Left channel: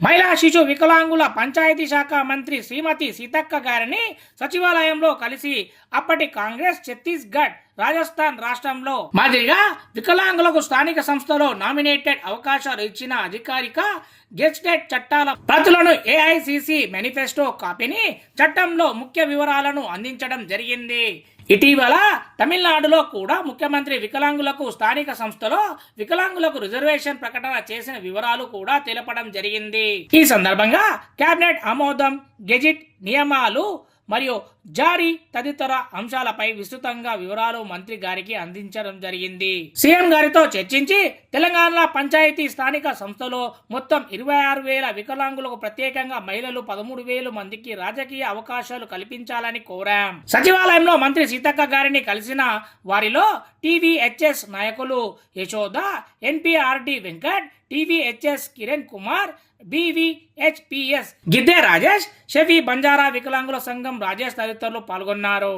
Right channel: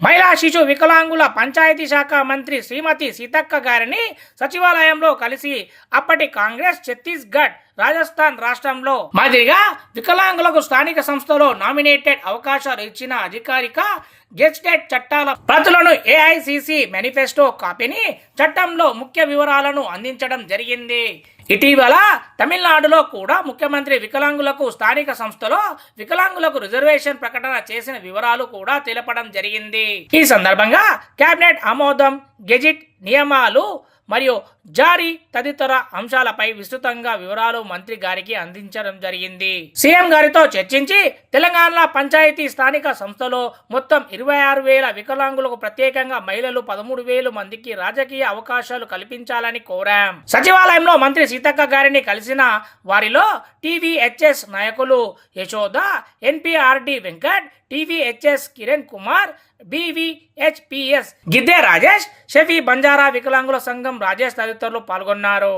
మహిళా శిశు వికలాంగుల పంచాయతీ శాఖ మంత్రి శ్రీమతి సీతక్క గారిని సచివాలయంలో కలిసి అప్పటి కాంగ్రెస్ ఛత్తీస్గఢ్ రాజస్థాన్ రాష్ట్రంలో మాదిరిగా వికలాంగులకు స్థానిక సంస్థలో నామినేటెడ్ అవకాశాలు ఇచ్చిన అధికారిక గెస్టెడ్ చట్టాల ప్రతులను ఏఐసిసి మేనిఫెస్టో కాపీని చట్టంలో ముఖ్య వివరాలను అందించడం జరిగింది. ఇటీవల తమిళనాడులో కూడా ముఖ్యమంత్రి వికలాంగులకు స్థానిక సంస్థలో వికలాంగులకు రిజర్వేషన్ ప్రకటన చేసిన వివరాలు కూడా తెలపడం జరిగింది. ఈ సందర్భంగా కేబినెట్ ఆమోదం గెజిట్ నియమాలు మరియు జారీ తదితర అంశాలపై విస్తృతంగా వివరాలు మంత్రి గారికి అందించడం జరిగింది. సీఎం గారితో చర్చించి తెలంగాణ పంచాయతీ స్థానిక సంస్థలో మొత్తం ఇరవై ఆరు వేల వికలాంగులకు ప్రత్యేకంగా మహిళలు పదమూడు వేల మందికి రాజకీయ అవకాశాలు కల్పించాలని కోరాం. సచివాలయంలో మంత్రి సీతక్క గారిని కలిసిన వారిలో టీవీహెచ్ఎస్ నాయకులు Yashoda NPRD Venkat TVHS Kiran Kumar BVHPS Gidde Rajesh Shafi Banjara వికలాంగుల సంఘం రాజేష్ తదితరులు పాల్గొన్నారు.